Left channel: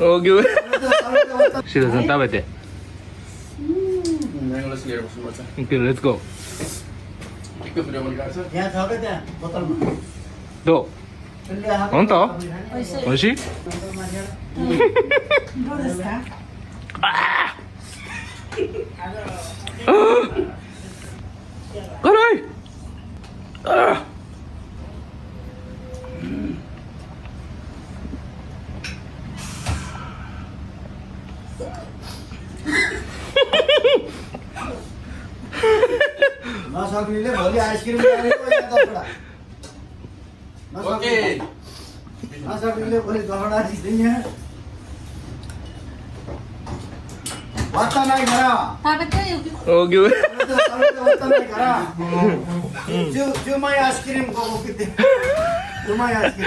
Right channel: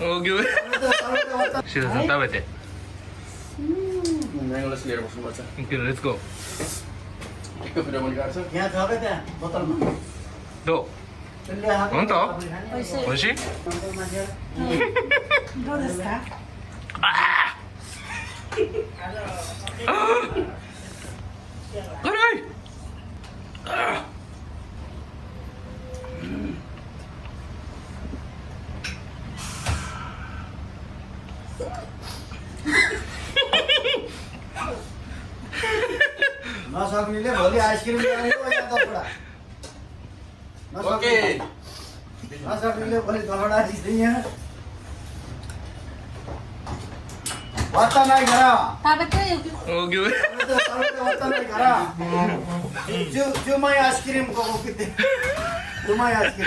大きい。シロさん食べて。いける、レッツゴー。どう？本当？美味しい？どうですか？辛い。नसक्नेले भोलि आइसक्रिम ल्याएको या दसवटा नसक्नेले भोलि 10वटा दिँदैन वाता नाही घरा 大きい。 वाता नाही घरा जो जो मैं आइसक्रिम को किते जो मैं आइसक्रिम